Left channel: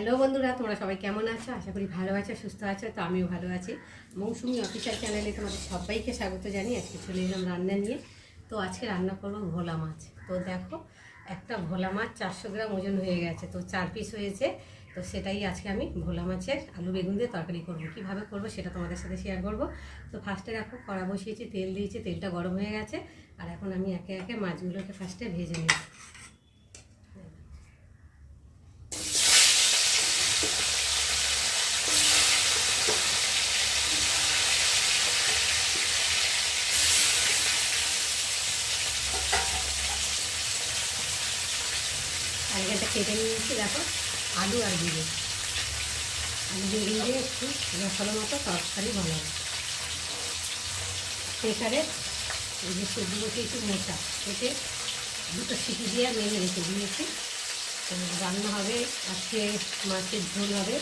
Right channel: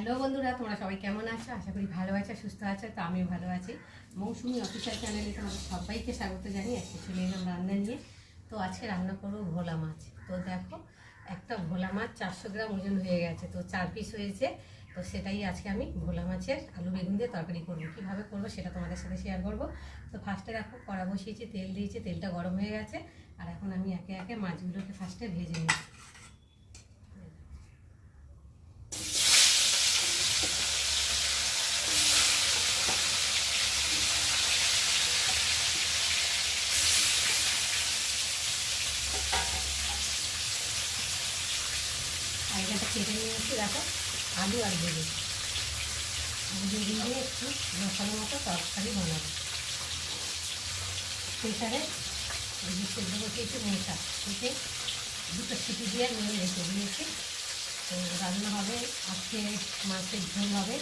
Hello বন্ধুরা, তোমরা সবাই কেমন আছো? আশা করি ভালো আছো, সুস্থ আছো। তো আমিও ভালো আছি। মৌসুমি অফিসিয়াল চ্যানেলে তোমাদের সবাইকে স্বাগত জানিয়ে আজকে চলে এলাম রান্না নিয়ে। তো আজকে রান্না করবো ভোলা মাছ। তো দেখো, একটা ভোলা মাছ 400 গ্রাম ওজন হয়ে গেছে, তো 4 পিস হয়েছে। তো সেটাই আজকে আমি ভোলা মাছের আলু বেগুন দিয়ে তরকারি করবো। কীভাবে করবো সেটা তোমাদের সাথে শেয়ার করবো। তো ফার্স্টে দেখো, কড়া বসিয়েছি, তেল দিয়েছি, তেলটা গরম হয়ে গেছে। আর এখন আমি একে একে মাছগুলোকে ফার্স্টে ভেজে নিই। আলুটা কেটে নিয়েছি, দেখো আলু আর বেগুন দিয়ে একটু মশলা মতো তরকারি বানাবো। প্রেসারে যে সবজিগুলোকে একটু মোটা কেটে দুটো সিটি দিয়ে মেরে রেখে দিয়েছি। তো রান্না হবে আজকে, মাছের ঝোল হবে।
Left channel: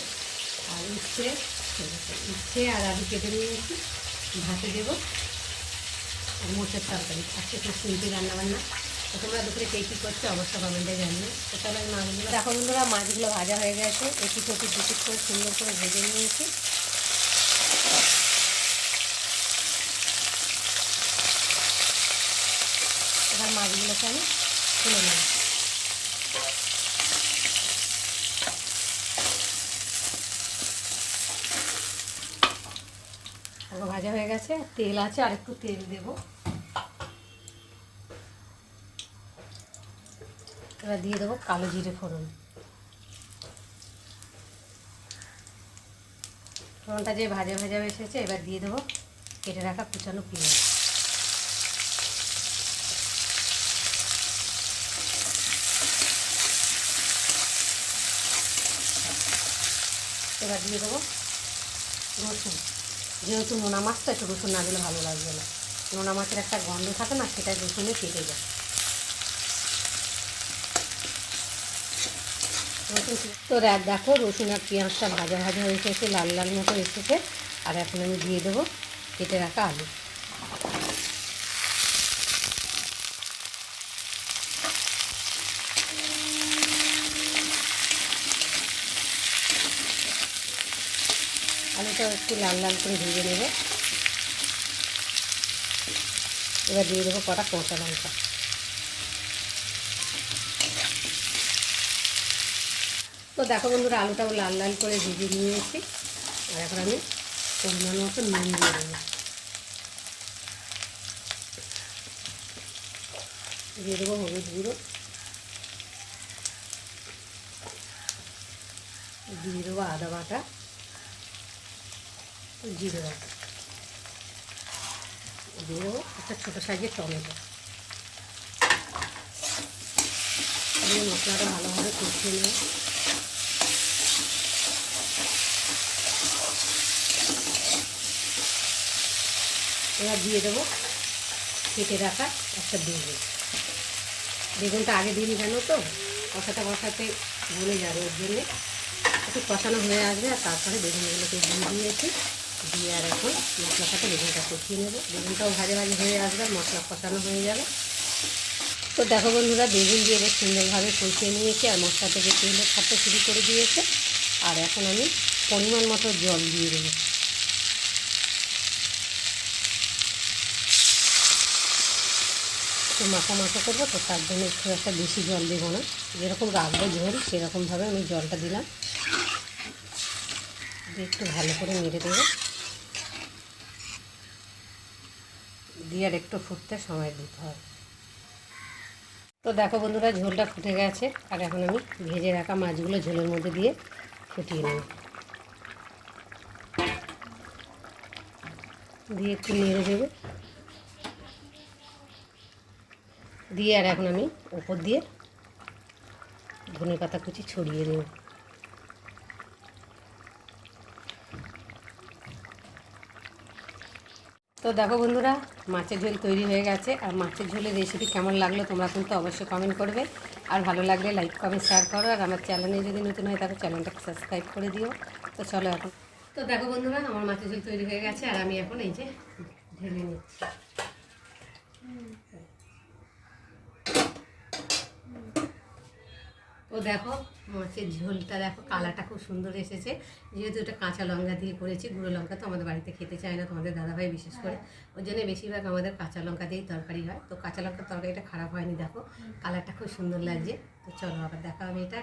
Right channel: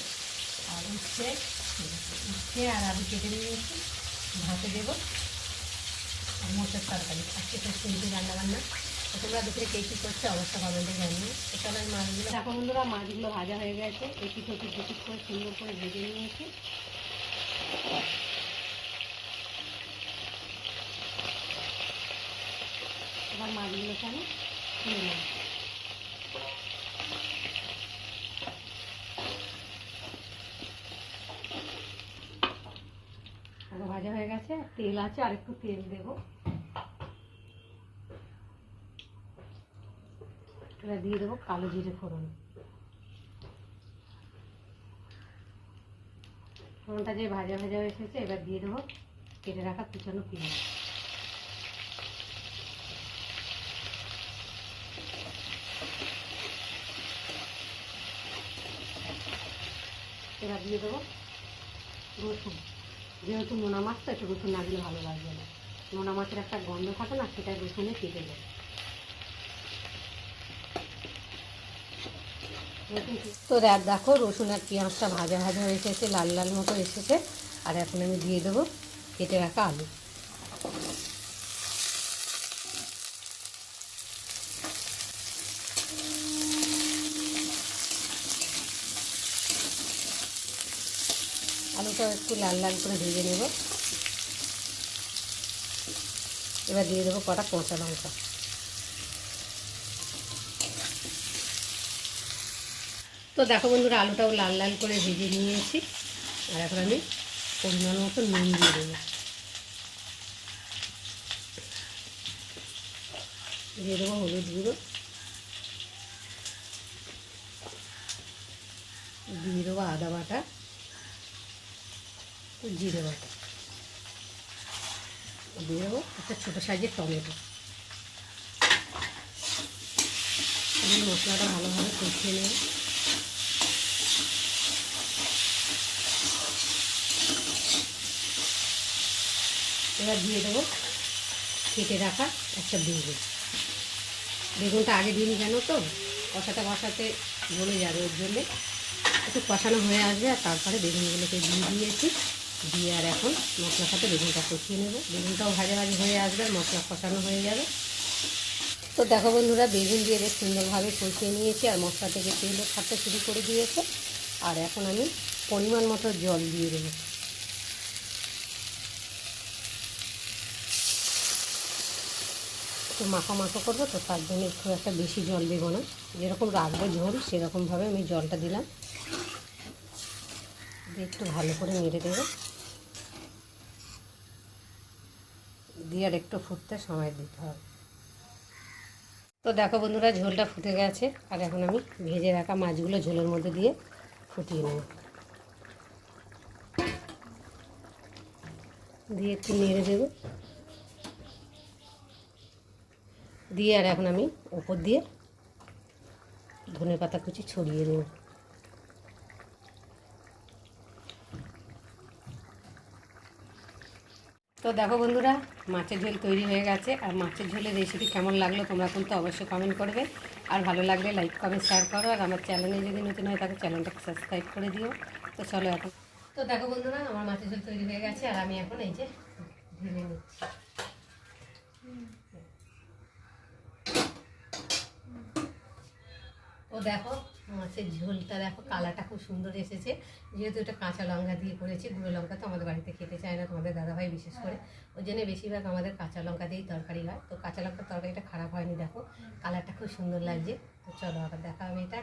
আর উচ্ছে আর আলু কেটে নিয়েছি, ভাতে দেবো। আর মোচার তরকারি, আজকে খুব সিম্পল রান্নাবান্না। তো তোমরা দুপুরে কে কী করছো অবশ্যই কমেন্টে জানিয়ে। তো সবাই মাছগুলো দেখো বন্ধুরা, মাছগুলো ভাজা হয়ে গেছে, একটু করে সুন্দর করে ভেজে নিয়েছি। এবার মাছগুলোকে আমি তুলে নেব। ভাজা হয়ে গেছে, তেল আছে, আর একটু তেল দেবো। এবার দিয়ে দেবো কালো জিরে ফোড়ন। ফোড়নটা যে ভাজা ভাজা এসেছে, এবার দিয়ে দেবো কেটে রাখা কুচানো পেঁয়াজ। এবার দিয়ে দেবো রসুন। যেহেতু নোনা মাছ তো একটু রসুন না দিলে ভালো লাগবে না। নোনা মাছের একটা গন্ধ থাকে না, সেটা রসুনে কেটে যায়। তো দেখো, রসুন আর পেঁয়াজটা ভাজা ভাজা হয়ে এসেছে, লাল লাল মতো এসেছে। আর এখন আমি দিয়ে দেবো কেটে রাখা আলু। আলুটা একটু লাল লাল করে ভেজে নেব। এবার দিয়ে দেবো কটা কাঁচা লঙ্কা। তো দেখো বন্ধুরা, আলুটাও লাল লাল করে ভেজে নিয়েছি। আর এখন আমি পরিমাণ মতো নুন দিয়ে দেবো। দিয়ে দেবো হলুদ গুঁড়ো, দিয়ে দেবো আদা বাটা, জিরে বাটা, দিয়ে দেবো একটা ছোটো সাইজের টমেটো। আমি মশলাটা ভালোভাবে কষিয়ে নেব। এবার দিয়ে দেবো কেটে রাখা একটা বেগুন। বেগুনটা আগে দিন জানো তো, কষাতে গলে যাবে, ওর জন্যে একটু কষানো হয়ে আসবে। আর তারপরে বেগুনগুলোকে দিয়ে দিয়েছি, দিয়ে আর এখন মশলার সাথে বেগুনটা কষিয়ে নেব। বেগুনটাও ভাজা ভাজি হয়ে আসবে, মশলা কষানো হয়ে যাবে। তো দেখো বন্ধুরা, বেগুন দিয়ে বেশ সুন্দরভাবে কষিয়ে নিয়েছি, আর মশলা থেকে তেলও ছাড়তে শুরু করে দিয়েছে। আর এখন আমি পরিমাণ মতো জল দিয়ে দেবো। একটু মাখো করবো, তো তার জন্য খুব একটা বেশি জল দেবো না, যেরকম রাখবো ঝোল সেরকমভাবে আমি জলটা দিলাম। দিয়ে একটু ভালো করে নেড়ে দেবো, দিয়ে আর একটু ফুটতে সময় দিতে হবে। তো দেখো বন্ধুরা, ঝোলটা ফুটে গেছে। আর এখন আমি ভেজে রাখা মাছগুলো ঝোলের মধ্যে দিয়ে ফুটিয়ে নেব। দিয়ে একটু নেড়ে দেবো, দিয়ে আর এখন আমি উপর দিয়ে ধনেপাতা কুচি ছড়িয়ে দেব। তো দেখো বন্ধুরা, মাছের ঝোল তৈরি হয়ে গেছে। আর মাছের ঝোলের রেসিপি কেমন লাগলো তোমরা কিন্তু অবশ্যই কমেন্ট করবে। আর ভালো লাগলে লাইক কমেন্ট শেয়ার করো। আর আমার চ্যানেলে যদি নতুন হয় তাহলে চ্যানেলটাকে সাবস্ক্রাইব করে দিও। তো চলো এখন। তো দেখো বন্ধুরা, আমার মাছের ঝোল তৈরি হয়ে গেছে। আর আমি এখন এই যে ঢেলে নিচ্ছি। তো দেখো, মাছের ঝোলটা দেখো কালারটা খুব সুন্দর এসেছে, যেহেতু এটা কাঁচা লঙ্কা দিয়ে করেছি। গুঁড়ো লঙ্কা তো আমাদের বাড়িতে খেতে চায় না, তোমাদের দাদাভাই বিশেষ করে, ওই জন্য বেশিরভাগ আমাদের কাঁচা লঙ্কা দিয়েই তরকারি হয়। তো কাঁচা লঙ্কার তরকারিটা খারাপ হয়নি, দেখো কালারটা খুব সুন্দর লাগছে। তো চলো আবার দেখা হবে, এটা